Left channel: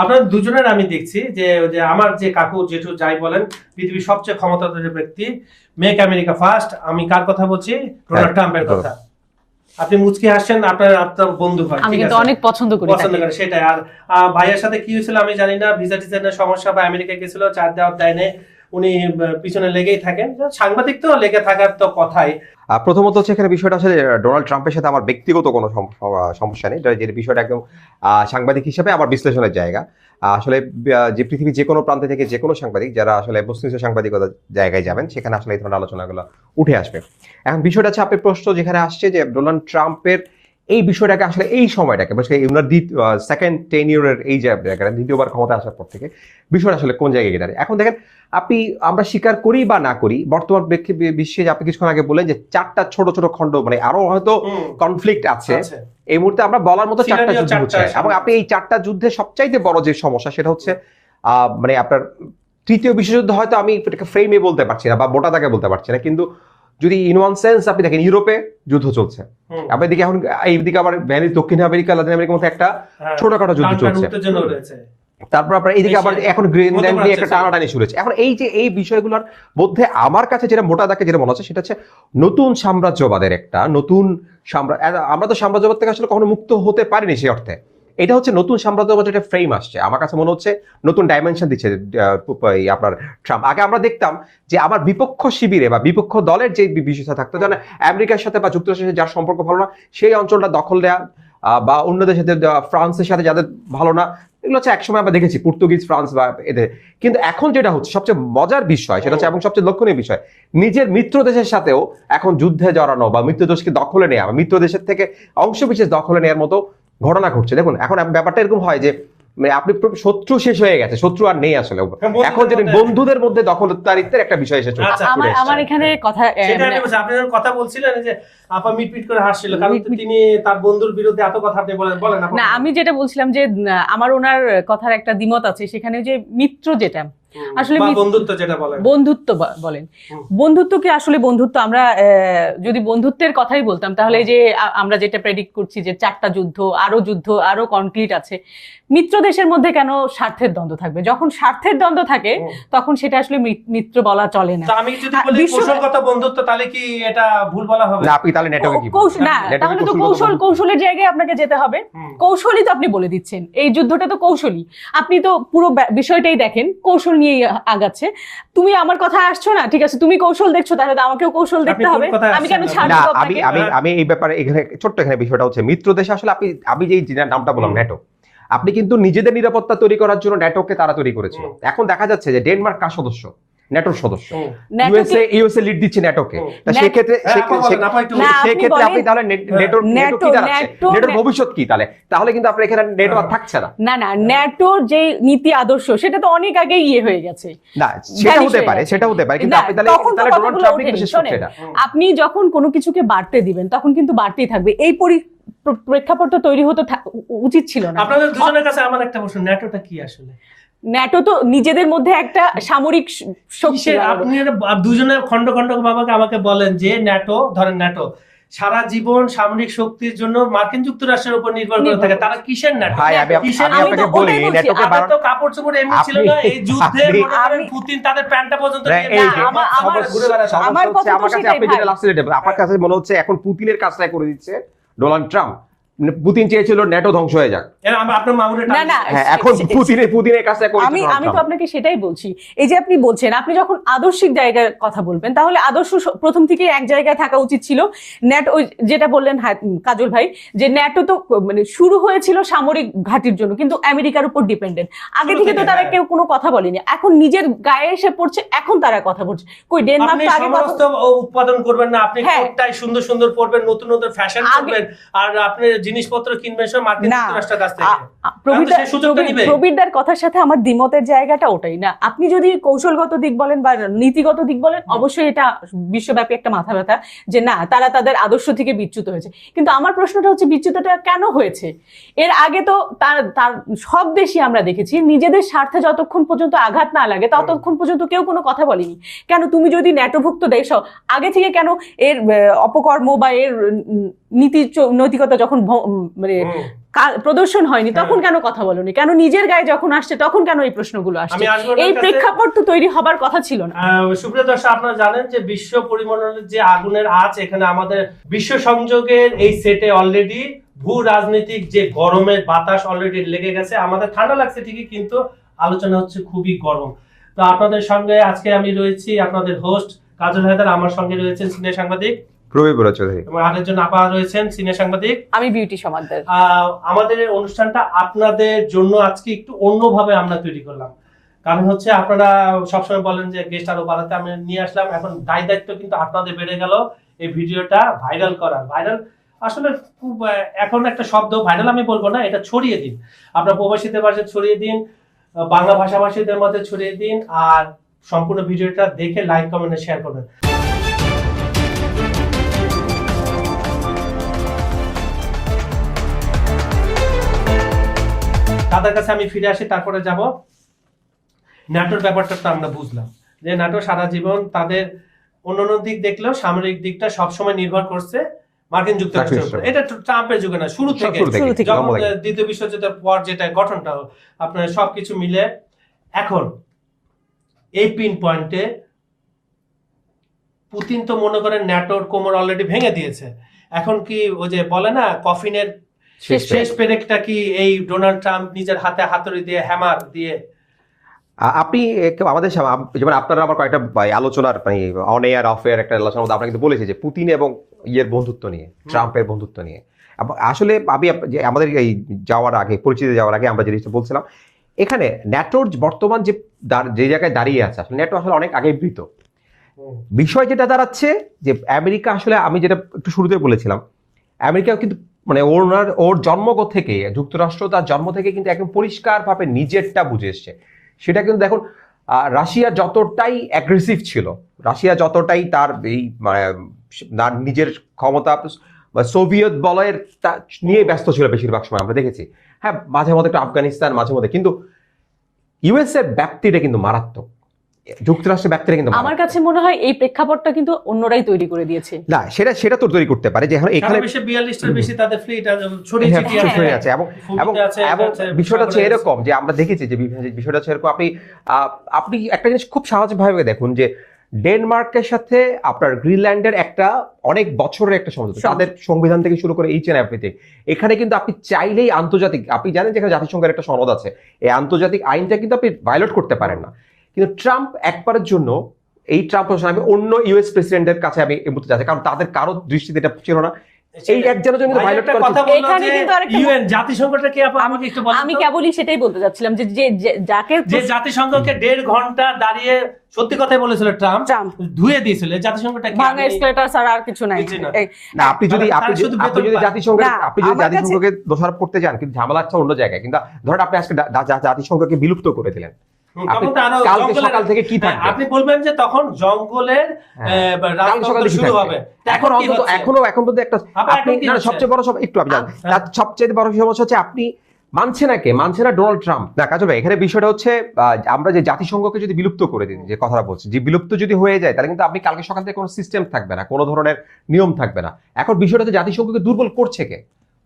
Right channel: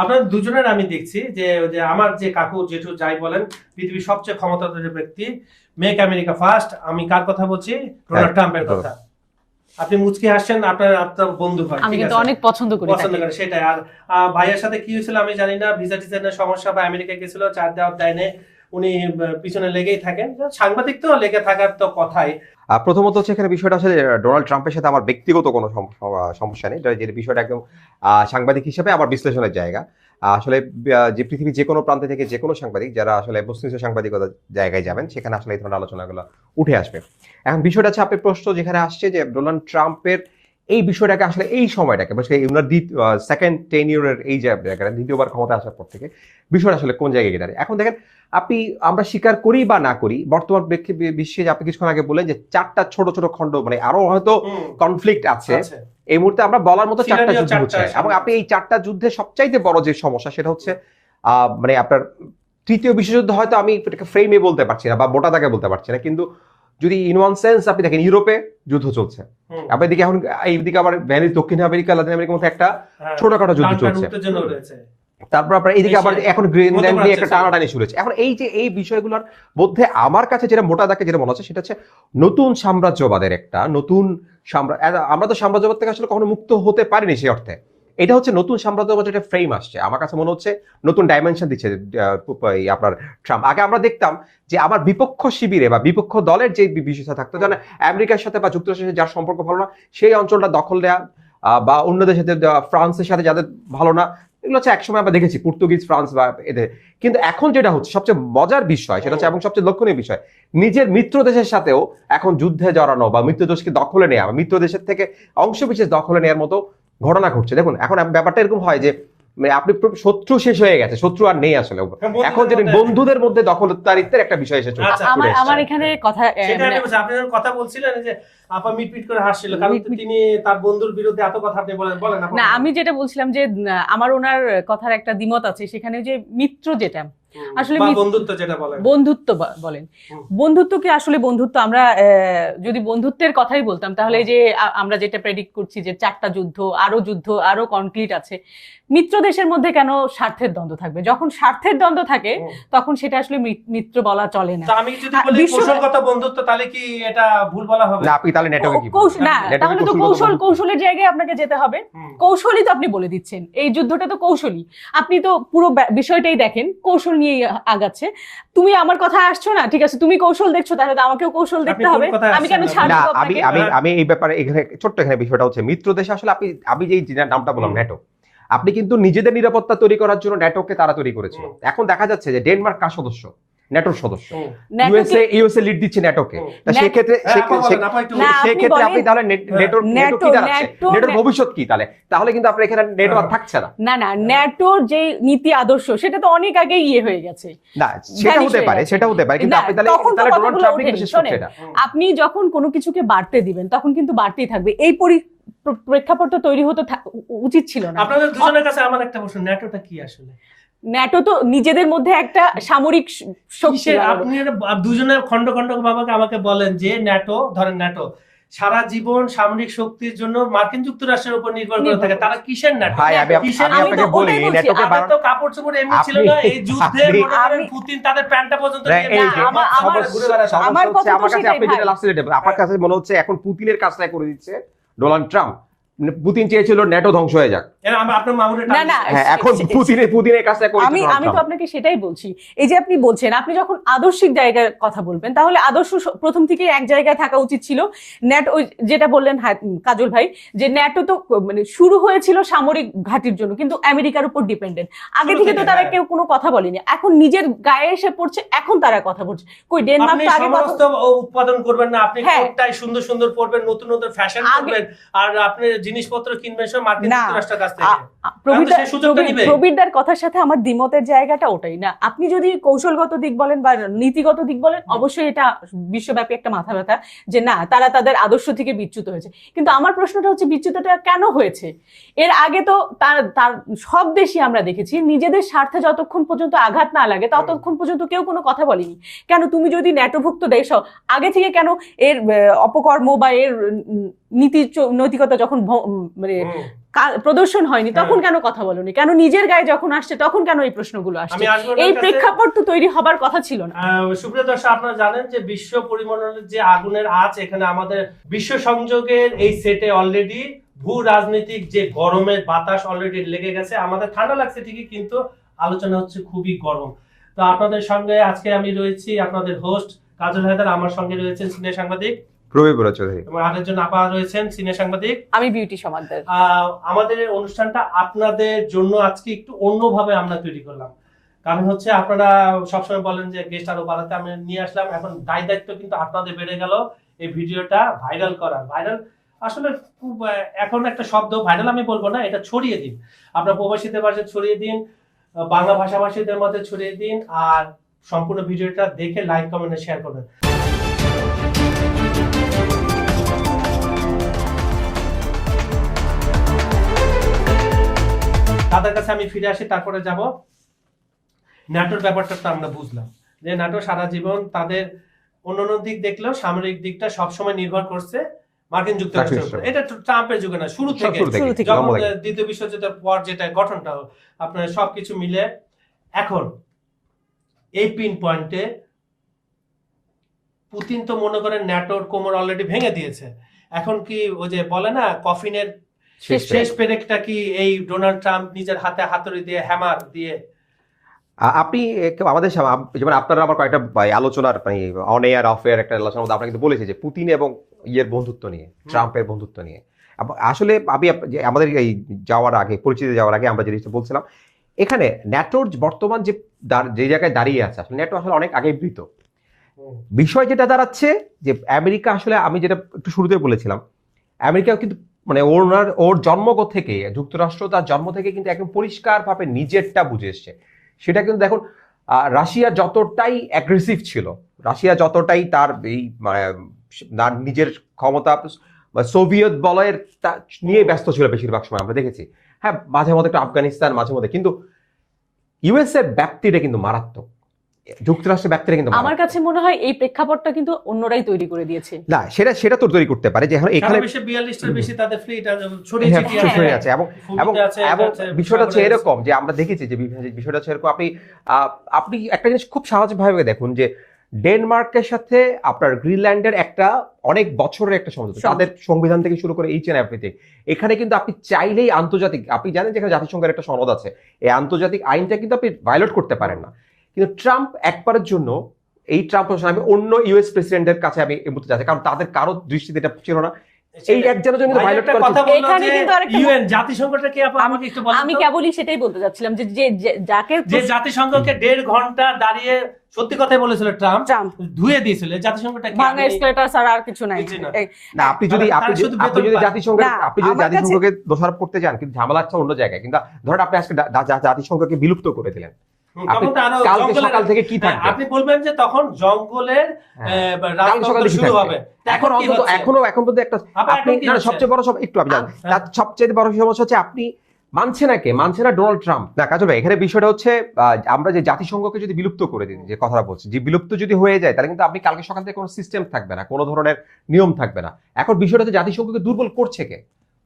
আপনার দুজনের আমি দেখছি যে যে আমার যে কাকু জেঠু যাই বলেন পৃথিবীর সবচেয়ে ক্ষমতাধর ব্যক্তি মেক আমেরিকা ফার্স্ট আমি কার কথা বলছি? ডোনাল্ড হ্যাঁ, ট্রাম্পের কথা। আপনি মুচকি হাসছেন আপনার আপনার বন্ধু হয় আমি কিন্তু অনেক পছন্দ করি পছন্দ করি সেটাই। আর আহ, ভাইয়ের সাথে কি হয়েছিল আমি জানি না ভিসা টিজার সমস্যা বা আমেরিকা গেছিল চার দেওয়ার দেয় নেই। উনি পিছনে লেগেই থাকেন। সাংবাদিক তো, লেগে থাকার তো কথাই। প্রথমত হচ্ছে এখানে বিষয়টা আসলে ডোনাল্ড ট্রাম্পের সাথে আমার ব্যক্তিগত কোনো সম- সম- সমস্যা নেই। যে বিষয়টা একদম সাংবাদিক হিসেবে আমার বিশ্লেষণের জায়গা। আসলে যে পৃথিবীর যে কোনো প্রান্ত থেকে যে কোনো সাংবাদিক, যারা আসলে বস্তুনিষ্ঠ সাংবাদিকতার জায়গায় যাবেন, সেখানে আসলে এই ধরনের আলোচনাগুলো উঠে আসবে। এখন বিষয়টা হচ্ছে আপনার প্রশ্ন যেখানে আসছে যে ডোনাল্ড ট্রাম্পের এই বিষয়টাকে আসলে এই সময়টাকে, বিশেষ ওনার সেকেন্ড টেন ইয়ারের এই জায়গাটা, দ্বিতীয়বার ক্ষমতা আসার পর থেকে, বিষয়টা আসলে কোন জায়গায় গিয়ে দাঁড়ায় এখন দেখেন আপনি আমরা স্বীকার করি বা না করি বর্তমান বিশ্বে আপনি কিছুক্ষণ আগে বলেন যে চারটা ছোট ছোট খণ্ড মানে আরও হয়তো কনফ্লিক্ট আছে। এই মুহূর্তে আমরা বলার মতো চারটা যুদ্ধ হচ্ছে এবং আপনি এই চারটা যুদ্ধে সবচাইতে বড় যে সমস্যা সেটা হচ্ছে মানে আপনার তৃতীয় বিশ্বযুদ্ধ হয়তো আমি এটাকে ফ্রেমে বলতে পারছি না বা মোটা দাগে বলতে পারছি না কিন্তু যদি ইন ওয়ান সেন্স আপনি দেখেন ইউরোপে যুদ্ধ চলছে আপনি দিকে এখন এইদিকে আবার ভ্যালি দক্ষিণ আমেরিকা লাতিন আমেরিকার মধ্যে একটা হ্যাঁ। ছোটখাটো যুদ্ধ চলছে। তারপর আপনার এইদিকে আবার এখন গ্রিনল্যান্ড নিয়ে একটা টানাটানি শুরু হয়েছে। এখন এই যে এই বিষয়গুলোর মধ্যে আমার কাছে যেটা মোটা দাগে যেটা মনে হচ্ছে সেটা হচ্ছে নতুন সাম্রাজ্যবাদের একটা নতুন সাম্রাজ্য আমরা তো সাম্রাজ্যবাদ থেকে আসলে কখনো মুক্ত হতে পারিনি সেই অর্থে। এটা হচ্ছে নতুন সাম্রাজ্যবাদের একটা ফ্রেম আসছে। আমার কাছে মনে হচ্ছে নতুন ডাইমেনশন দিচ্ছে আপনার ট্রাম্প। আগে আমরা দেখতাম যে আবার বিপক্ষ শিবিরে বা বিপক্ষ দলের যে বিষয়টা থাকতো যেন আমেরিকার সাথে বা যুক্তরাষ্ট্রের সাথে যার সম্পর্ক ভালো না সেই অঞ্চলটা দখল দেওয়া আহ, বা অন্য দেশের সাথে ফ্রান্সের সাথে যাদের ভালো না এগুলো হচ্ছে একসময় আমরা দেখেছি পর্তুগিজ ফ্রান্স বা এদের। কিন্তু এখন যেটা হচ্ছে সবচেয়ে মজার বিষয় সেটা হচ্ছে এবং সবচেয়ে লক্ষণীয় বিষয় নিজের মিত্র দেশের সাথেও এখন যুদ্ধে জড়ানো বা মিত্র দেশকে দখলে নেওয়া বা মিত্র দেশের থেকে অংশ বিশেষ দখলে নেওয়ার মতো ঘটনা ঘটছে। দেখুন এখন ব্যাপারটা এরকম হয় যে মানে আপনি শত্রু শেষ হয়ে গেছে শত্রু আর নেই আসলে। হ্যাঁ, এখন যেটা বন্ধুদের মধ্যে দখলদারিত্বের একটা বিষয় এসে চলে আচ্ছা, আমার এসেছে। আমার এখানে কথা মানে কথা বলছিলেন যে আপা মিটমিট করে হাসছিল কারণ তিনি তার বন্ধুর বিরুদ্ধে এত কথা আপনি বলেন বলেন না আমি যেটা বলছিলাম যে আমার ওনার কথার একটা দ্বিমত আছে সেখানে যে মিত্র যেটা আসলে বন্ধুত্ব যেটা বলেন। বন্ধুত্ব বলেন। বন্ধুত্বকে আসলে বন্ধুত্ব? আমরা যদি বন্ধুত্বের কথাই বলতাম তাহলে যে আমরা যেটা প্রেডিক্ট করছি যে চারটা যুদ্ধ আরও যুদ্ধ আরও কনক্রিট আছে মিত্র দেশের মধ্যে কেন স্বার্থের দ্বন্দ্ব থাকবে? যখন স্বার্থের দ্বন্দ্ব থাকে তখন সেটা আসলে মিত্র বলা চলে না। আমি যদি হ্যাঁ, বলি কৌশলগত বন্ধুত্ব তাহলে কি এটা ভুল বলা হবে? না আপনি তাহলে নেটওয়ার্কে কি কৌশল না তাহলে তো কৌশল কৌশলের জায়গায় আপনাকে যেতে হবে। কৌশলই তো আপনি বলে দিচ্ছেন। এই যুদ্ধটা তো কৌশলী আপনি তো পুরো বিষয়টাই দেখেন কৌশল নিয়ে আগাচ্ছে। তুমি আমার কথা আসছো না? ঠিক আছে তুমি কৌশল দেখছ তাহলে তো আমাকেও কৌশল দেখতে হবে। আমি কেন আসছেন? ছাড় না দেবো আমি আমি আমি এই ব্যাপারে এখানে ছোট্ট এখানে বিষয়টা হচ্ছে মিত্র দেশে আসলে আপনি আমি যেই যে নামটা বললাম। ন্যাটো আপনি কিন্তু নিজেদের নিরাপত্তা তৈরি করার জন্য ন্যাটোকে তারা তৈরি করেছিল। হুম। এখন দেখা যাচ্ছে যে ডেনমার্ক কার সদস্য? ন্যাটোর সদস্য। ইউএসএ ইউএসএ লিড দিচ্ছে ন্যাটোকে ন্যাটো- সেক্ষেত্রে হ্যাঁ, সে- আপা বলেন, সে- আপা একটু না, আপনি তাহলে কি ন্যাটো- দাঁড়াচ্ছে ন্যাটো- ভবিষ্যৎ কি তাহলে? তাহলে কিন্তু আপনার এখানে নেটো আর থাকছে না। না না ন্যাটোর যে নীতি আদর্শ সেটা তো অনেক আগে ইয়ে হয়ে গেছে। না সেটা হতে পারে সেটা হতে পারে কিন্তু আপনি তাহলে তাহলে ডোনাল্ড বিশেষ। আপনি যখন কোনো কিছুকে বাড়তে দিবেন তখন কিন্তু বাড়তেই থাকবে। এই পরি- প্রেক্ষাপট তৈরি হতে উচিত ছিল না। আপনাদের দুজনের কাছে আমার একটা প্রশ্ন ন্যাটোটা কি আসলে? ন্যাটো তো নিজেদের মধ্যে একটা সামরিক শক্তি আপনি দুজনের খন্ড খন্ড বাবাকে আমাকে বলেন যে ন্যাটো ধরেন ন্যাটো সারা জীবন সামরিক শক্তির জন্য মার্কিন যুক্তরাষ্ট্রের উপর নির্ভর করে থাকে। তারা কিসের ন্যাটো? ভাই আমি আপনাকে বলি বাড়ানো তো কাপড় চোপড় এমনি ছিল না এই যুদ্ধে আপনি- আমি- পুতিন তাদের প্যান্টটা পর্যন্ত না, আমার- আমার- আমার আমার কাছে আপনি যেটা যেটা আমার কাছে মনে হচ্ছে এখন পুতিনের কাজটা করে দিচ্ছে ডোনাল্ড ট্রাম্প। পুতিন চেয়েছিল ন্যাটো ধ্বংস হয়ে যাক। না না হ্যাঁ এখন পুতিনের পুতিনের করে আমি আমি তো আপনাকে সেটাই বলছি। এই যে আপনি বলছেন আপনি যখন আদর্শিক জায়গায় কথা বলবেন তাহলে আদর্শ প্রথম থেকে এক জায়গায় থাকা উচিত ছিল ন্যাট যেটা বললেন কাজল ভাই যে ন্যাটো তো মানে শুরু হয়েছিল সামরিক ঘাটির জন্য কিন্তু আমেরিকার উপর ডিপেন্ডেন্ট। আগে থেকে তো তারা হ্যাঁ। কেউ কোনো কথা বলেনি। এখন নিজের গায়ে এসে পড়ছে এখন তারা কথা বলছে। কই ডেনমার্ক আগে উৎপাদন করবেন না আপনি হ্যাঁ। সুন্দর সুন্দর পরবেন নতুন নতুন ফ্যাশন করবেন আর আপনি জিনিসপত্র কিনবেন সব মার্কিন। যুক্তরাষ্ট্রের কাছ থেকে। প্রবীরদার কথার সাথে আমার দ্বিমতের জায়গাটা ওটাই না। আপনি যদি কৌশলগত দিক বলেন বা নীতিগত দিক বলেন অবশ্যই এটা বিশ্বব্যাপী একটা মাথা ব্যথা যে না তারা তাদের আদর্শ থেকে বিচ্যুত হয়েছে। কিন্তু আমার প্রশ্নটা হচ্ছে বিচ্যুতটা কেন হয়েছে? এর আগে তো তার তার সব দেশই আমরা দেখেছি নিজেদের স্বার্থে যতক্ষণ পর্যন্ত আঘাত না লাগে ততক্ষণ পর্যন্ত কেউ কোনো কথা বলেনি। কেন তুমি যদি ন্যাটোভুক্ত দেশ আগে থেকে কেন এর অপকর্ম বা এর নীতি নৈতিকতা যখন মানে প্রদর্শন হয়নি তখন কেন কথা বলনি? কেন নিজের গায়ে যখন আসছে তখন কেন এই প্রশ্নগুলো আসছে? এই প্রেক্ষাপট তো তৈরি হবার কথা ছিল না। সুপ্রিয় দর্শক আপনারা জানেন যে বিশ্ব পরিমণ্ডলের যে আগুনের আঁচ এখানে আমাদের বিশ্ব সংযোগের এই সেটে অলরেডি ভূ রাজনৈতিক যে গরমের বাতাস অলরেডি লেগে গেছে আমাদের ঠান্ডা লাগছে ঠিকই কিন্তু আলোচনা হচ্ছে খুবই গরম। তো আপনাদের সঙ্গে আজকে আমি রয়েছি আপনাদের হোস্ট কাজল হায়দার আমার সঙ্গে রয়েছেন সিনিয়র সাংবাদিক বলে চৌধুরী এবং আরেকজন আপা রয়েছেন সিনিয়র সাংবাদিক। আমি বিউটি সমাদদের। আহ, আমাদের অনুষ্ঠানটা আপনাদের জন্য আজকে একটু অন্যভাবে আমরা তৈরি করলাম। কারণ হচ্ছে আপনারা সবসময় বলেন যে গেস্ট আরও বাড়াতে আমি নিয়ে আসলাম। এখন দায় দায়িত্ব কিন্তু আপনাদের বেড়ে গেল এই ভিডিওটা ভাইরাল করার। ভাইরাল আসলে খুব এখন একটা শব্দ ভাইরাল আমি বলব না এটা ছড়িয়ে দিন। আপনার প্রবাসীদের মাঝে ছড়িয়ে দিন বাংলা ভাষাভাষীদের মধ্যে ছড়িয়ে দিন আর সম্পূর্ণ ভিডিওটা দেখে লাইক কমেন্টে শেয়ার করবেন। কাছে আমি ফিরে আসি তারপরে যাব। ন্যাটোর ব্যাপারটা তো আমরা বুঝলাম। যে ন্যাটো সারা জীবন তাদের অন্যান্য দিক দেখলেও সামরিক দিকটা সবসময় নির্ভর করছে মার্কিন যুক্তরাষ্ট্রের উপর। এটা ট্রাম্পের যুগে না শুরু থেকে। যখন দ্বিতীয় বিশ্বযুদ্ধের পর যেটা গঠনটা আপনার সবকিছু মিলে এখন এই পিন পয়েন্টে পুতিন তো মনে করেন ন্যাটোর কোমর অলরেডি ভেঙে দিয়েছে। এখন কি ওই যে বলে না কফিনের শেষ পেরেকটা কি এই ডোনাল্ড ট্রাম্প নিজের হাতে হাতুড়ি দিয়ে হ্যামার দিয়ে? আপনি আমাদের যেমন আপনারা আমার কয়েকটা আলোচনার মানে অন এয়ার অফ এয়ার একটা আলোচনার মধ্যে আপনারা কিন্তু বলেছে যে পুতিন এবং ইয়ের বন্ধুত্ব নিয়ে ট্রাম্পের বন্ধুত্ব নিয়ে। আসলে আমি আমাদের এই যাওয়ার আগে পরিচিতি যাওয়ার আগে আমরা জিনিসটা বলছিলাম এখানে ন্যাটোর বর্তমান যে যে জায়গায় দাঁড়িয়ে আছে আসলে ন্যাটো আসলে অনেক আগে বৃত বিষয় যেটা দাঁড়াচ্ছে যে আমেরিকা আসলে আমি যেটা একটু শুরুতে বলেছিলাম আমেরিকা কিন্তু মানে ওনার ওর জন্মগত থেকে যুক্তরাষ্ট্র তার জন্ম থেকে কিন্তু একদম পরিষ্কারভাবে নিজেরটা বুঝে এসছে। সেটা কিন্তু দেখুন রাশিয়া যতটাই অ্যাগ্রেসিভ ছিল রাশিয়া যতটাই তার এই মানে, তার নিজের ক্ষমতা সোভিয়েত বলয়ের নিয়ে ব্যস্ত ছিল বেশিরভাগ সময় আমরা দেখেছি। হ্যাঁ মাঝে মধ্যে একটু আফগানিস্তান মাঝে মধ্যে কিন্তু ইউএস এর ব্যাপ্তিটা কিন্তু মারাত্মক। যুক্তরাষ্ট্রের ব্যাপ্তিটা কিন্তু আমার কাছে মনে হয় এই প্রেক্ষাপটটা কিন্তু অন্যরাই তৈরি করে দিয়েছে। না সেটা সেটা তো তৈরি করতে পারে যে এখন এখানে বিয়াল্লিশটার বেশি তাদের ফ্লিট ছড়িয়ে হ্যাঁ, আছে এবং এবং এবং বিষয়টা হচ্ছে এরকম যে আমরা দেখেছি যে বিষয়টা হচ্ছে এরকম। আপনি আপনি একটা জিনিস খুব স্বাভাবিকভাবে দেখুন যে ডেনমার্কের সাথে আপনার গ্রিনল্যান্ডের একটা অনেক বছরের একটা সমঝোতা। তাদের সংবিধান থেকে শুরু করে এইচ এন্ড এভরিথিং এখানে কিন্তু আপনি চাইলেই আন্তর্জাতিক আপনি জানেন যে এখানে জাতিসংঘের একটা সনদ আছে। এই আন্তর্জাতিক আইনটা কিন্তু আপনি ভায়োলেট করতে পারেন না। কিন্তু ট্রাম্প একবারের জন্য এই ট্রাম্প আমি অন্য ইউএস প্রেসিডেন্টের কাছে আমি এই মুহূর্তে যাচ্ছি কারণ তাদের কারও দৃষ্টিতে এটা ছিল না। এই একজনের জন্য ভায়োলেট একটা করা কথা ছিল। বলল এখানে কিন্তু আরেকটা- UN জাতিসংঘটা আমাকে একটু বলেন আমি কেবলই সেটাই বলতে যাচ্ছিলাম যে যাকে যে জাতিসংঘকে দেড় ঘণ্টা দাঁড়িয়ে সত্যি কথাই বলেছিল ট্রাম্প ট্রাম্প। ধুয়ে দিয়েছিল। জাতিসংঘটা কি ভাঙা স্ট্যাটাস আর আর কিছু নাই। না। আপনি যদি আপনি যদি আপনি যদি না, আপনি যদি জাতিসংঘকে দোষারোপ করতে যান কিন্তু ঝামেলা হচ্ছে অন্য জায়গায়। কিন্তু ধরেন আপনি আজকে জাতিসংঘকে বিলুপ্ত করে দিলেন। কালকে সকাল থেকে কি হ্যাঁ, থাকবে? আপনি বলবেন যে তখন জঙ্গলের হ্যাঁ। শুরু হবে। এখন এখনও এখন পর্যন্ত একটা আপনি এখন কি না, হচ্ছে? সবচেয়ে বড় সব একটু আপনি। তার সবচেয়ে বড় সমস্যা হচ্ছে আপনি মানছে না কে? মানছে না ডোনাল্ড ট্রাম্প। না ভাই এখানে বিষয়টা হচ্ছে আহ, আমরা যে জাতিসংঘকে যদি বিলুপ্ত করে দিই যে কথাটা বলছি যে বিলুপ্ত যদি হয়ে যায় তাহলে কিন্তু আপনি কালকে সকাল থেকে কোনো সিস্টেম থাকবে না কোনো ধরনের নিয়ম থাকবে না। এখন বিষয়টা হচ্ছে জাতিসংঘকে দুর্বল করছে কে?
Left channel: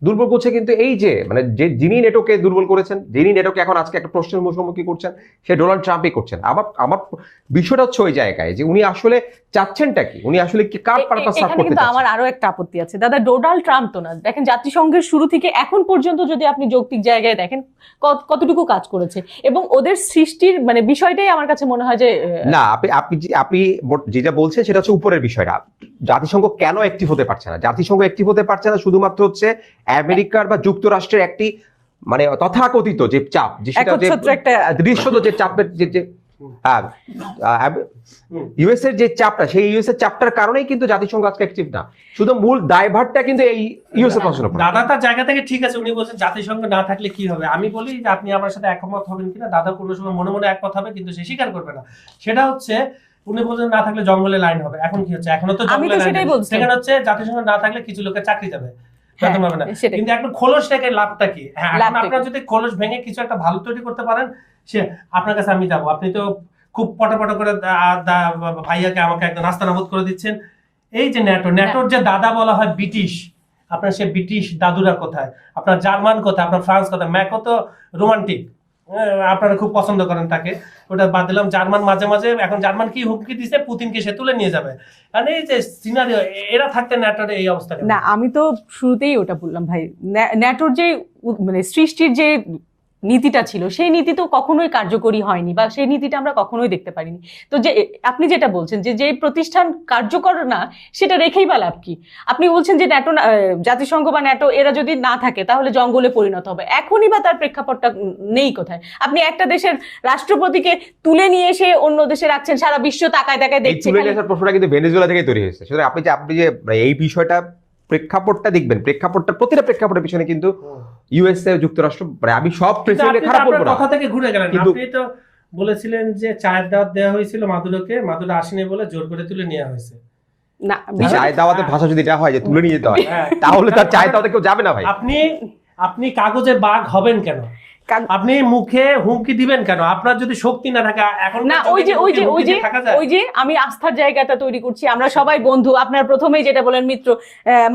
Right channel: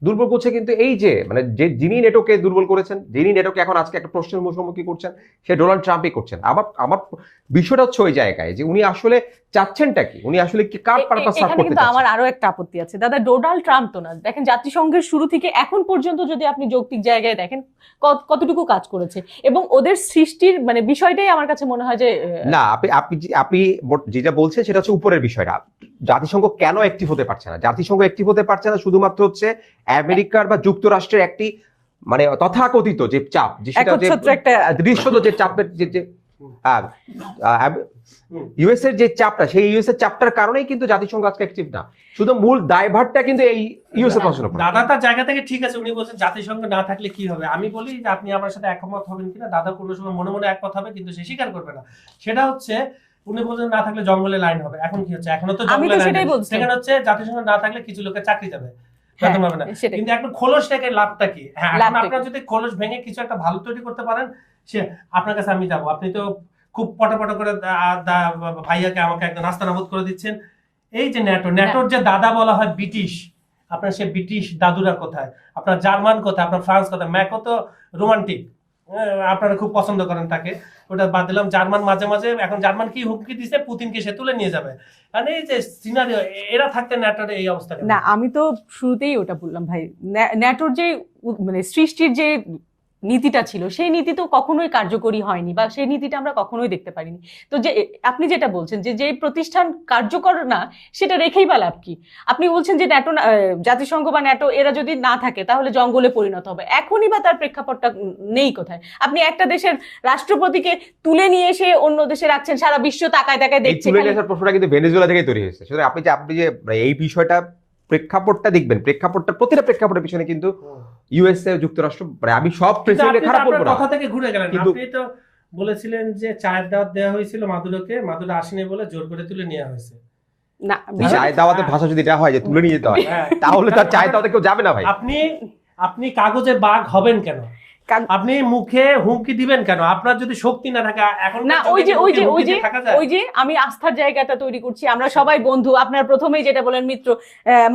দুর্বল করছে কিন্তু এই যে মানে যে যিনি নেটোকে দুর্বল করেছেন যিনি নেটোকে এখন আজকে একটা প্রশ্নের মুখোমুখি করছেন সে ডোনাল্ড ট্রাম্পই করছেন। আমার আমার বিষয়টা হচ্ছে ওই জায়গায় যে উনি আসলে চাচ্ছেনটা কি? উনি আসলে কি কার পারপাস সার্ভ করতে কিন্তু আমার আরও একটা আপত্তি আছে। দাদা ডোনাল্ড ট্রাম্প তো না। দেখেন জাতিসংঘের শুরু থেকে এখন পর্যন্ত যদি আপনি যৌক্তিক জায়গায় দেখেন কত- কতটুকু কাজ করেছে। এবং ওদের সৃষ্টির মানে বিষয়টাই আমার কাছে মনে হয় যে না আপনি আপনি যে- আপনি যেটা বলছেন সেটা হচ্ছে উপরের বিষয়টা। জাতিসংঘ কেন অ্যাক্টিভ হতে পারছে না? জাতিসংঘ অ্যাক্টিভ হতে পারছে না শুধুমাত্র হচ্ছে আমেরিকার বা যুক্তরাষ্ট্রের একটি মানে তথাকথিত যে চাপ যে সেটা যে দৃশ্যত যে চাপের যে ইউএস এর যে চাপটা সেই ইউএস এর চাপটার কারণেই কিন্তু জাতিসংঘ আজকে অ্যাক্টিভ না। শুধু মূল দায়ভারটা কিন্তু এই ইউএস এর মানুষের উপর। দাদা তার জায়গা থেকে ঠিক আছে উনি বলছেন জাতিসংঘ না থাকলে কি হবে? আমি বলি যে আপনি আমার সাথে একমত হবেন কিনা দাদা কোনো সময় মনে মনে একমত হবে কিন্তু সে স্বীকার করবে না। সেটা হচ্ছে উনি বলছেন না থাকলে জঙ্গলে লাইন হবে। এখন কি হচ্ছে? এখনও তো আমি তো জঙ্গলে সেটাই লাইন বলছি। সেখানে হচ্ছে জাতিসংঘ না থাকলে কিছু লোকের চাকরি যাবে। হ্যাঁ, হবে না। কিন্তু একটা খোলস রেখে লাভটা কি? হ্যাঁ এখন আপনার যদি খোলস ভেঙে কিছু একটা ভালো তৈরি করতে পারেন সে আপনার কাছে আমি যাব। আপনি তো খুব পটা পটা করে ভাইয়াকে আমাকে একদম নাস্তা নাবুদ করে দিচ্ছেন। এই যে ন্যাটো ন্যাটোর যে দাদা বলা হয় ব্রিটিশ আপনার সে ব্রিটিশ দাদুরা কোথায়? আপনার জার্মান কোথায়? আপনার ফ্রান্স কোথায়? ম্যাকো তো রোমান্টিক। আপনারা খুব পছন্দ করেন তাকে। ওটা বাদ দিলাম, জার্মান মাঝে মাঝে, এখন জার্মান কি হুমকি দিছে, পুতিনকে সে তুলে নিয়ে যাবে। কারণ এই যে সিনারিও এরা থাকতে ন্যাটোর এই অবস্থা না, আমি তো শুরুতেই ওটা বললাম ভাই। ন্যাটোর যে মানে সৃষ্টির যে নীতিটা ছিল সেই নীতি তো কখনোই কার্যকরী হয়নি বা সেই নীতিটা আমরা কখনোই দেখতে পারিনি। তো যে আপনি যেটা বলছেন যে যে প্রতিষ্ঠান কার্যকর না সেটা রেখেই বা লাভ কি? আপনি বলছেন যে ন্যাটো জাতিসংঘ বা ন্যাটো এরা যদি না থাকে তাহলে জঙ্গলে পরিণত হবে। এখনই বা তার প্রেক্ষাপটটা নেই কোথায়? আপনি একটা দেশের রাষ্ট্রপতিকে তুলে নিয়ে এসে অন্য দেশে রাখছেন সারা বিশ্ব তাকায় তাকায় দেখছে তুলে নিয়ে আসার প্রশ্নটা কিন্তু ভেনেজুয়েলা থেকেই তৈরি হয়েছে। সুতরাং আপনি যে আপনি যে এই বিষয়টা প্রেক্ষাপটটা দেখবেন। প্রেক্ষাপটটা প্রতিটা প্রেক্ষাপটের পিছনে কিন্তু ইউএসএ যুক্তরাষ্ট্র মানে আমি সব প্রেসিডেন্ট তো খারাপ বলব না। কথা থেকে ঘুরে গেলেন আপনি তো বলেছিলেন যে চায়ের দাওয়াত দেওয়া হয়েছিল মাদুরোকে মাদুরো আসেনি বলে জোর করে তুলে নেওয়া হয়েছে। না চায় দাওয়াতে দাওয়াতের ভাষা যদি যা হয় যে তুলে নিয়ে যেতে হয় হ্যাঁ। তাহলে তার চায় দাওয়াতে কেউ যাবে না ভাই। আপনি আপনি কাগজে বাঘ হবেন কেন? আপনি মুখে হুমকি দিবেন কেন? আপনার যদি শক্তি না থাকে এখন না ওই যে ওই যে ওই যে ওই যে আমি আস্থার জায়গাটা তৈরি করছি। আমরা সবাই বন্ধু। আপনার প্রথমেই যেটা বলেন মিত্র।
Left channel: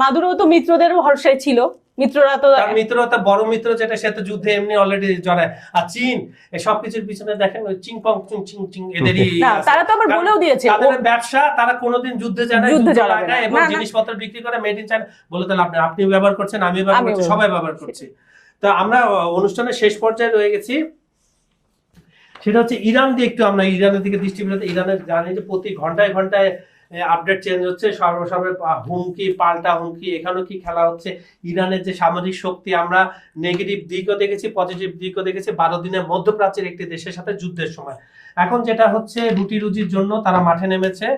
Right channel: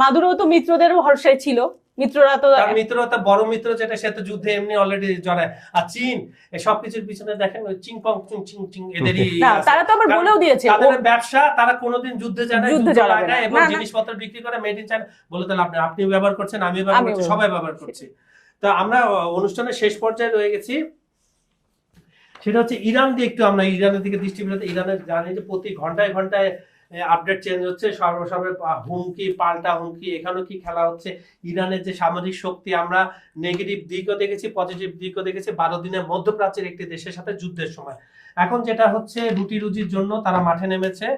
মাদুরো তো মিত্রদেরও ভরসায় ছিল। মিত্ররা তো তার মিত্র বড় মিত্র যেটা সে তো যুদ্ধে এমনি অলরেডি জড়ায়। আর চীন এই সবকিছুর পিছনে দেখেন ওই চিং পং চিং চিং চিং এদেরই তারা তো আবার বলেও দিয়েছে। তাদের ব্যবসা তারা কোনোদিন যুদ্ধে যায় না যুদ্ধে যুদ্ধ না। এবং। জিনিসপত্র বিক্রি করে মেড ইন চায়না বলে তাহলে আপনি আপনি ব্যবহার করছেন আমি ব্যবহার করছি সবাই ব্যবহার করছি। তো আমরা অনুষ্ঠানের শেষ পর্যায়ে রয়ে গেছি। সেটা হচ্ছে ইরান দিয়ে একটু আমরা ইরানের দিকে দৃষ্টি বিরত ইরানের জানি যে প্রতি ঘন্টায় ঘন্টায় আপডেট চেঞ্জ হচ্ছে। সর্বসর্বে হুমকি, পাল্টা হুমকি, এখানেও কি খেলা হচ্ছে? ইরানের যে সামরিক শক্তি, আমরা নেগেটিভ দিকও দেখেছি পজিটিভ দিকও দেখেছি। বারো দিনের মধ্যপ্রাচ্যের একটি দেশের সাথে যুদ্ধের সময়। এখন যেটা হচ্ছে রুটি রুজির জন্য তারা মাঠে নেমেছে।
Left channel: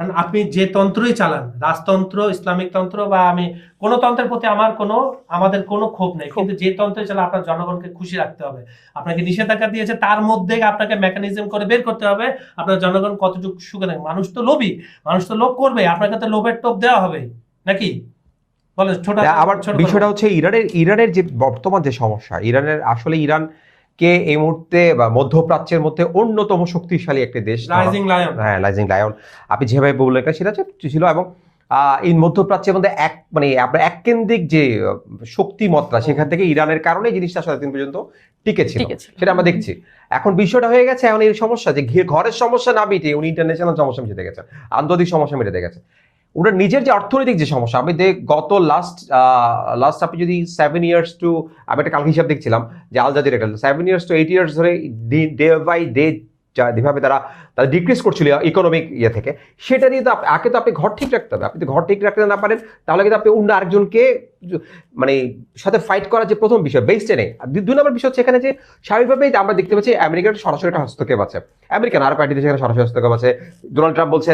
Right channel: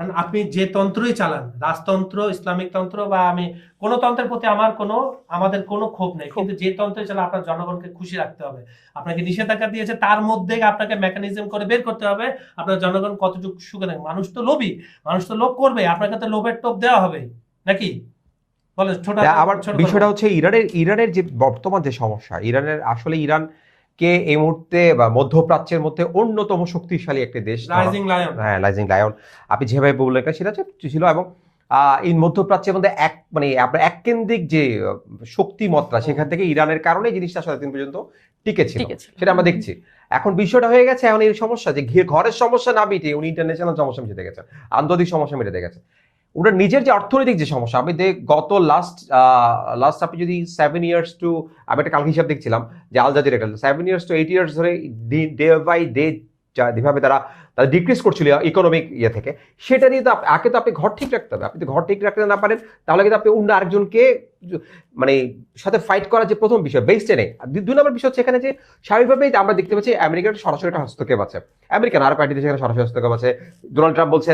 কারণ আপনি যে তন্ত্রই চালান রাজতন্ত্র ইসলামিক তন্ত্র বা আমি কোনো তন্ত্রের প্রতি আমার কোনো আমাদের কোনো ক্ষোভ নেই। কিন্তু যে তন্ত্রই চালা আপনার জনগণকে খুশি রাখতে হবে। আপনাকে নিষেধাজ্ঞা দিয়েছে তার মধ্যে আপনাকে মেকানিজম করে বের করতে হবে। আপনার জনগণ কতটুকু সুখে থাকে? মানুষ তো লোভী। মানুষ তো লোভ করবে। আপনাকে তো লোভের টোপ দেওয়া হবে নাকি? বলে ছোট হ্যাঁ, আবার বিষয়টা হচ্ছে ইরানের ইরানের যে বর্তমান যে সমস্যা ইরানের আসলে ইরান কে এই মুহূর্তে বা মধ্যপ্রাচ্যের মধ্যে অন্যতম শক্তিশালী একটি দেশ? রাইজিং লায়ন হ্যাঁ লাইজিং লায়ন আপনি যেভাবে বললেন সেটা ছিল এবং এই মধ্যপ্রাচ্যের মধ্যে এক মানে আপনার এক কেন্দ্রিক যে শক্তিমত্তা সেখান থেকে ইরানের কারণে জিনিসটা আসলে দিন পর্যন্ত টিকে ছিল ঠিক আছে সেটা আমরা দেখছি। এখন বিষয়টা হয়ে গেছে এখন এই সমস্যা যে ঘরের সমস্যা না মিটে উনি ইন্টারন্যাশনাল সমস্যা মিটাতে গেছেন আন্তর্জাতিক সমস্যা মিটাতে গেছে ওনার নিজের যে অর্থনৈতিক যে সমস্যা, আমি দেখ গত লাস্ট লাস্ট আপনি যদি সেভেন ইয়ার্স টু আমি একটা কালকে হিসাব দেখছিলাম যে আলজাদের এটা seven years two eight years ধরে ডে বাই ডে যেভাবে তারা তারা ডিক্রিজ করছিল ইকোনমিক ইয়ে থেকে সেটা নিয়ে তো আগে তো আপনি ঘর ঠিক রাখতে হবে। আপনি ঘর ঠিক রাখতে না পারেন তাহলে কিন্তু আপনি অন্য আরেকজনকে মানে সাথে ফাইট করার যে প্রথম বিষয় বেস টেনে দুই- নম্বর বিষয় হচ্ছে এখানে যে স্বাভাবিকভাবেই আমরা দেখতে পাচ্ছি আমেরিকার সরাসরি একটা হস্তক্ষেপ আছে। আমেরিকান আর পার্টিতে সেখানে সরাসরি হস্তক্ষেপ আছে। ডোনাল্ড ট্রাম্প বলছে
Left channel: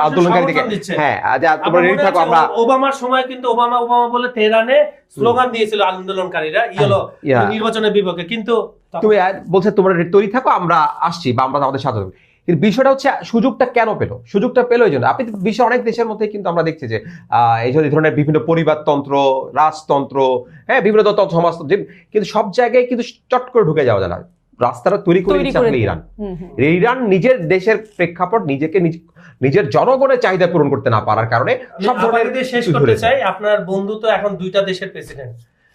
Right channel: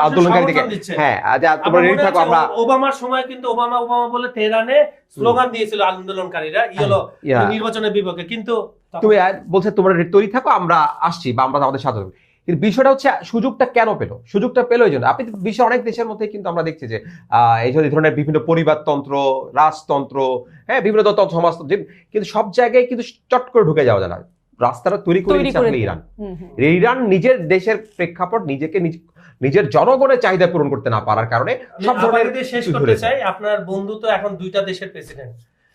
আন্দোলনকারী দিচ্ছে। হ্যাঁ তোমরা রেডি থাকো আমরা। ওবামার সময় কিন্তু ওবামা ওবামা বলে তেহরানে স্লোগান দিয়েছিল আন্দোলনকারীরা ই হলো ইয়া, নির্বাচনের বিপক্ষে। কিন্তু তুমি বলছে তোমরা তৈরি থাকো আমরা আসছি বা আমরা আমাদের সাথে কিন্তু বিষয়টা হচ্ছে সুযোগটা কেন পেল? সুযোগটা পেল এই জন্য। আপনি বিশ্বের অনেক দেশের মধ্যে কিন্তু আমরা দেখছি যে এই যে- ধরনের বিভিন্ন পরিবারতন্ত্র রাজতন্ত্র হ্যাঁ বিভিন্ন তন্ত্র সমাজতন্ত্র কিন্তু সব জায়গায় কিন্তু চট করে ঢুকে যাওয়া যায় না। রাস্তাটা তৈরি করে দিল। ইরান। ইরান নিজের দেশের প্রেক্ষাপট নিজেকে নিজের জনগণের চাহিদা পূরণ করতে না পারার কারণে সব ধরনের শেষ করতে চাই আপনার বন্ধু তো এখন দুইটা দেশের প্রেসিডেন্ট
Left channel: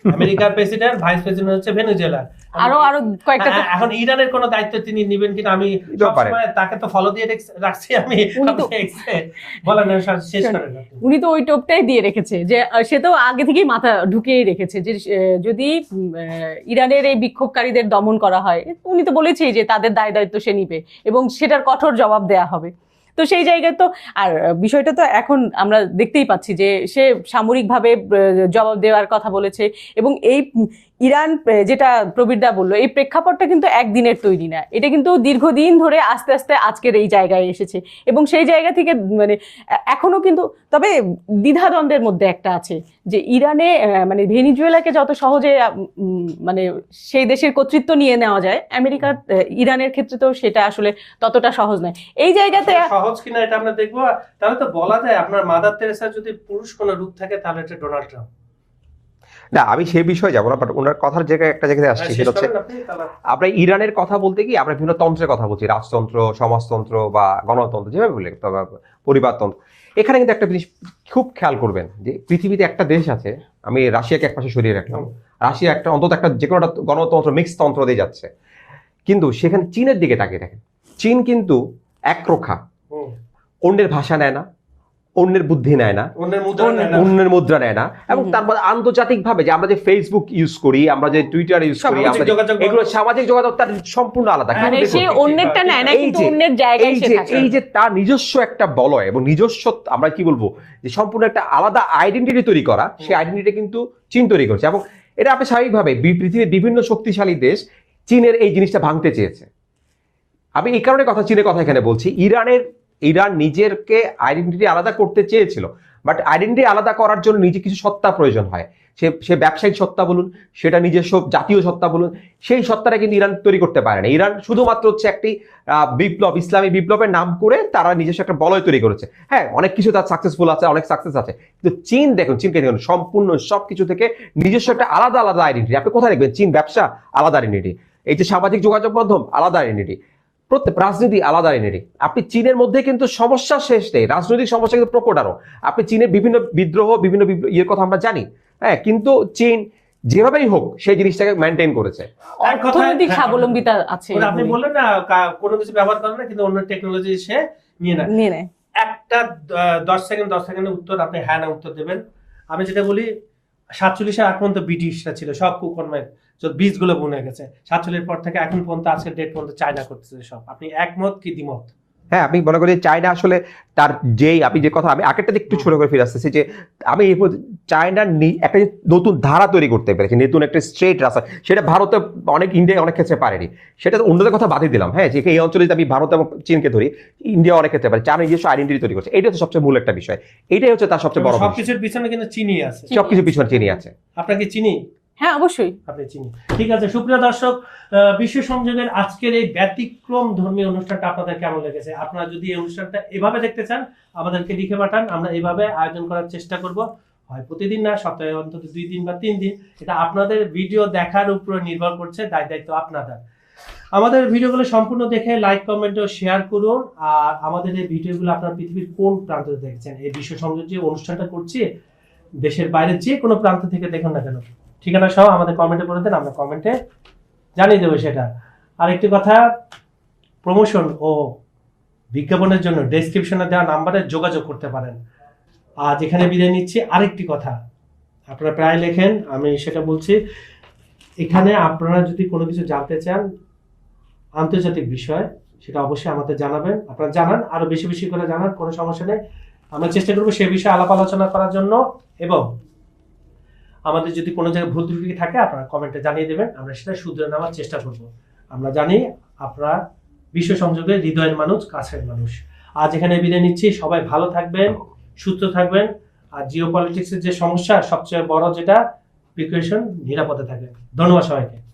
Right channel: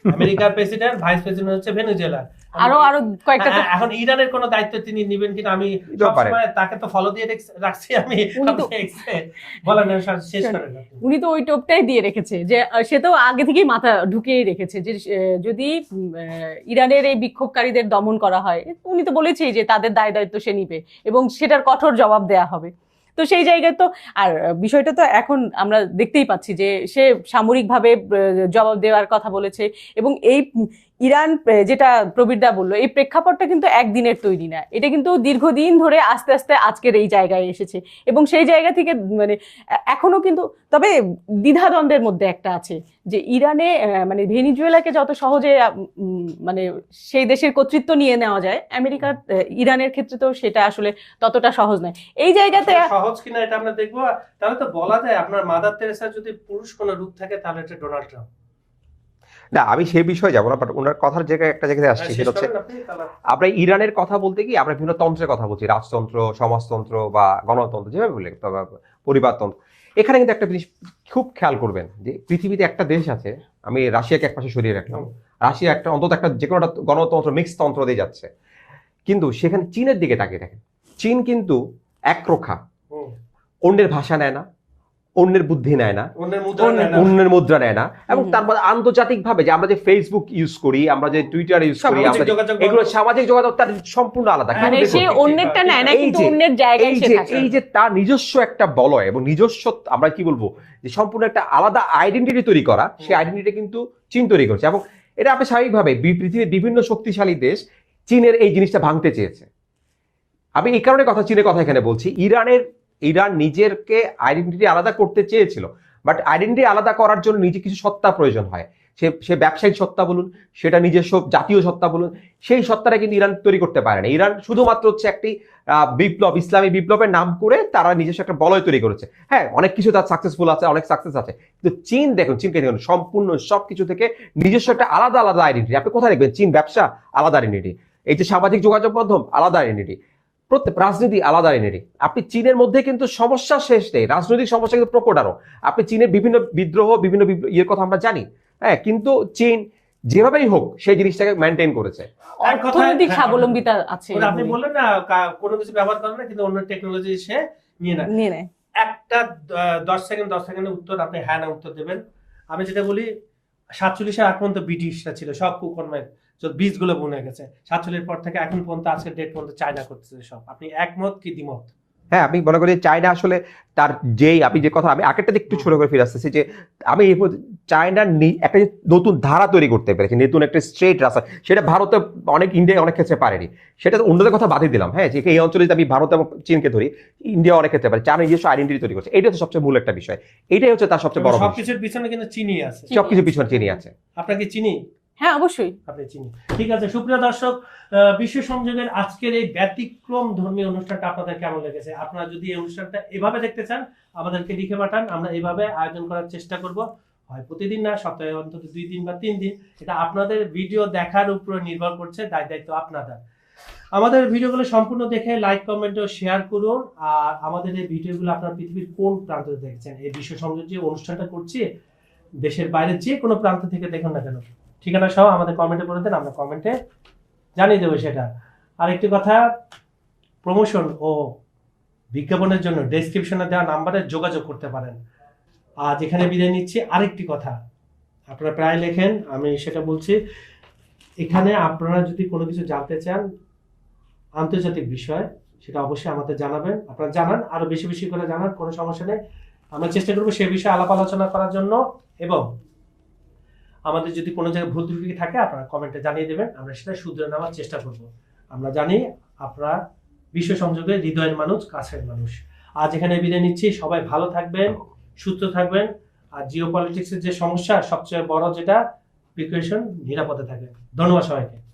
আমেরিকার প্রেসিডেন্ট ভাইস প্রেসিডেন্ট হচ্ছে ভেনেজুয়েলা। আরও আরও কয়েকটা এখন ইরানের কোনো দায়িত্ব তিনি নেবেন কিনা আমি সবসময় তাকে তো ফলো দিয়ে রাখছি আমি। উনি তো- আমি বলেন শেষ করেন উনি তো ওই টোপটাই দিয়ে রেখেছে যে সে তো আগে থেকেই মাথা ঢুকিয়ে রেখেছে যে যদি আহ, ইরানের এই বিক্ষোভকারীদের দমন করা হয় উনি তো বলেছেই যে তাদের দায় দায়িত্ব সে নিবে এবং সেটার কঠোর জবাব দেয়া হবে। তো সেই জায়গায় তো, আর বিষয়টা তো এখন আমরা দেখতেই পাচ্ছি যে সে সামরিকভাবে জবাব দেওয়ার কথা বলেছে এবং এই ইরান যেটা প্রবীরদা বলল এই প্রেক্ষাপটটা কিন্তু একদিনের তৈরি না। এটা কিন্তু দীর্ঘদিন ধরে আস্তে আস্তে আজকের এই জায়গায় এসেছে। এবং সেই জায়গা থেকে মানে এখনও কিন্তু তবে দ্বিধাদ্বন্দ্বের মধ্যে একটা আছে যে ইরানে মানে ভেনিজুয়েলাকে যত সহজে মানে সেই দেশের কর্তৃত্ব নিয়ে নেওয়া যায় আমেরিকার আহ, ইরানের ক্ষেত্রে তো সেটা আসলে ততটা সহজ নয়। এই জায়গাতে সহজ কিনা এটা আমরা দেখব। তাহলে তো বলা যায় আপনার মাদার তেরেসা যদি পুরুষ কোনো রূপ থাকে তাহলে এটা ডোনাল্ড ট্রাম্প। না আমি সেই বিষয়ে যাব না বাট ওনার কথার জায়গায় একটা জায়গায় আসছি হ্যাঁ, সেটা হচ্ছে আপনি, আমরা ইরানের কথা বলতে গিয়ে আমরা বিভিন্ন তন্ত্রের কথা বলছি রাজতন্ত্র সমাজতন্ত্র বা গণতন্ত্র যেভাবে বলি তবে পরিবারতন্ত্র। এখানে কিন্তু একটা জিনিস খুব খেয়াল করবেন যে পৃথিবীতে একটা দেশ আছে আমি রাশিয়াকে এক পাশে সরিয়ে রাখলাম রাশিয়া একটা অন্তত একটা যে কোনো একটা গণতন্ত্র মিক্স তন্ত্র দিয়ে যাচ্ছে। কিন্তু সেখানে চীনের দিকে তাকিয়ে দেখেন চীন কিন্তু একরোখা অন্যের ভাষা নেয় না অন্যের বুদ্ধি নেয় না। অন্যের মুদ্রা নেয় না। অন্যের মুদ্রা নেয় না। এবং। তারপর আন্তর্জাতিক ভাবে যে আমরা যে ফেসবুক ইউজ করি আমরা যে টুইটার ইউজ করি এগুলো সামাজিক যোগাযোগ তার সম্পূর্ণ আলাদা। মানে দেখুন, সে অন্যেরটা নেয় না এই কিন্তু যে- অন্যের জায়গায় এই যে থাকে। এই যে তার নিজস্ব একটা বলয় এবং নিজস্ব আমরা কি বলব? যে সম্পূর্ণ একটা আলাদা আইডেন্টিটি তৈরি করা সেই আইডেন্টিটি কিন্তু চীন তৈরি করছে। এবং এটা আপনি স্বাভাবিকভাবে পৃথিবীর বিভিন্ন শক্তিশালী দেশ চীনের এই জিনিসটা ভাঙতে চেয়েছে। আমি এই কারণে কথা চীনের কথা এখানে বলছি। ইরানের ইরান নিজেরকে আইডেন্টিটি আলাদা করতে চেয়েছিল। বাট আইডেন্টিটি আলাদা করার জন্য নিজে কিছু সত্তা প্রয়োজন হয়। সে সে ব্যবসায়িক সত্তা বলুন, সেটা নিজস্ব জাতীয় সত্তা বলুন, সেই সত্তাটা কিন্তু ইরান তৈরি করতে পারে না। ইরান শুধুমাত্র হচ্ছে একটি বিপ্লব, ইসলামী বিপ্লবের নাম করে তারা নিজস্ব একটা বলয় তৈরি করেছে। হ্যাঁ অনেক কিছু তার সাকসেসফুল আছে, অনেক সাকসেস আছে। কিন্তু চীন দেখুন, চীনকে দেখুন, সম্পূর্ণ সব কিছু থেকে নিজস্ব একটা আলাদা আলাদা আইডেন্টিটি আপনি কোথায় দেখবেন? চীন ব্যবসা, আলাদা আইডেন্টিটি এই যে সামাজিক যোগাযোগ মাধ্যম, আলাদা আইডেন্টিটি প্রত্যেক রাজনীতি আলাদা আইডেন্টিটি আপনি চীনের মধ্যে কিন্তু সমস্যা শেষ নেই রাজনৈতিক সমস্যা কিন্তু প্রকট আরও। আপনি চীনের বিভিন্ন বিদ্রোহ বিভিন্ন ইয়ের কথা আমরা জানি। হ্যাঁ কিন্তু চীন যেভাবেই হোক সেই জিনিসটাকে মেনটেন করেছে। অর্থনৈতিক হ্যাঁ, স্বাবলম্বিতা আছে আপনি বললেন না কোনো কিছু ব্যবহার করে না কিন্তু অন্য টেকনোলজি সে নিয়ে নেয়। নিয়ে নেয়। একটা দশ সেকেন্ড দশ সেকেন্ডের উত্তর আপনি হ্যাঁ না উত্তর দেবেন। আমি যেটা বলি সাতচল্লিশের আক্রান্ত ব্রিটিশরা ছিল সব কুকর্মের বীজগুলো বুনে গেছে। সাতচল্লিশ পর থেকে এখন পর্যন্ত আজকের ডেট পর্যন্ত চায়না করতেছে সব। আপনি একমত কি দ্বিমত? হ্যাঁ আমি মনে করি চায়না আসলে তার যেই আপনি যে কথা আমি আগেরটা একটু ছোট করে ফিরে আসতেছি যে আমি এই চায়নার একটা নতুন ধারা তৈরি করতে পেরেছে নতুন একটা স্ট্রেট রাস্তা সেটা ভারতে অনেক ইন্ডিয়া অনেক ক্ষেত্রে পারেনি। সেটা অন্যদের কথা বাদই দিলাম। হ্যাঁ যে এই অঞ্চলে আমি ভারত এবং চীনকে ধরি ইন্ডিয়া অনেক ক্ষেত্রে পারে চায়না নিজস্ব আইডেন্টিটি তৈরি করছে। এটা হচ্ছে সবচেয়ে মূল একটা বিষয়। এটাই হচ্ছে তার সবচেয়ে বড় সবকিছুর পিছনে কিন্তু চিনি আছে। সবকিছু পিছনে চিনি আছে। আপনাকে চিনি? হ্যাঁ অবশ্যই। আপনি চিনি। ঠিক আছে, সুপ্রিয় দর্শক বিশ্ব সংযোগের আজকের এই ব্যতিক্রম ধর্মীয় অনুষ্ঠানটা আপনাদের কেমন লেগেছে? আপনারা যদি এই অনুষ্ঠানটা এভাবে দেখতে চান, আমাদেরকে লিখে পাঠান, আমরা এভাবে আয়োজন করার চেষ্টা করব। হয় প্রতিদিন না, সপ্তাহে অন্তত দুই দিন বা তিন দিন। এটা আপনাদের ভিডিও দেখার উপরে নির্ভর করছে দায় দায়িত্ব আপনাদের। আমাদের ভিডিওগুলো সম্পূর্ণ দেখে লাইক, কমেন্ট ও শেয়ার করুন। আর আমাদের এই ভিডিওগুলো আপনার পৃথিবীর কোন প্রান্ত দেখছেন? এই বিশ্ব সংযোগ যে অনুষ্ঠানটা করছি, দেশের বাইরে যে কোনো প্রান্ত থেকে দেখুন না কেন? ঠিকানা সহ আমাদের কমেন্টে করে দেন, আমরা কমেন্টে জানিয়ে দেবো সেটা। আরেকটি কথা প্রমোশন ও বিজ্ঞাপনের জন্য ডেসক্রিপশনে দেওয়া নাম্বারে যোগাযোগ করতে পারেন। আজ এখানে বিদায় নিচ্ছি। আরেকটি কথা, আপনারা প্রায় লেখেন, আমি সেটা বলছি। এখানে আপনারা যদি কোনো কিছু জানতে চান, আন্তর্জাতিক বিষয়, সেটা অবশ্যই আমাদের জানাবেন। আপনারা জানান, আরও বেশি বেশি করে জানান কোনো সমস্যা নেই। আমরা চেষ্টা করব সে বিষয়ে আলাপ আলোচনা করার জন্য এবং আমাদের যদি কোনো জায়গায় ভুল ত্রুটি থাকে, আপনারা কমেন্টে জানিয়ে দেবেন। আমরা সেটা শুধরে নেওয়ার চেষ্টা করব। আমরা জানি আপনারা বিশ্ব সংযোগে হৃদয়ের মানুষ, কাছের মানুষ। আজ এখানে বিদায় নিচ্ছি। সবাই ভালো থাকবেন, সুস্থ থাকবেন। আর জিও পলিটিক্সের যে সমস্যা, সবচেয়ে বড় যেটা প্রিকশন নিরাপদে থাকবেন। ধন্যবাদ সবাইকে।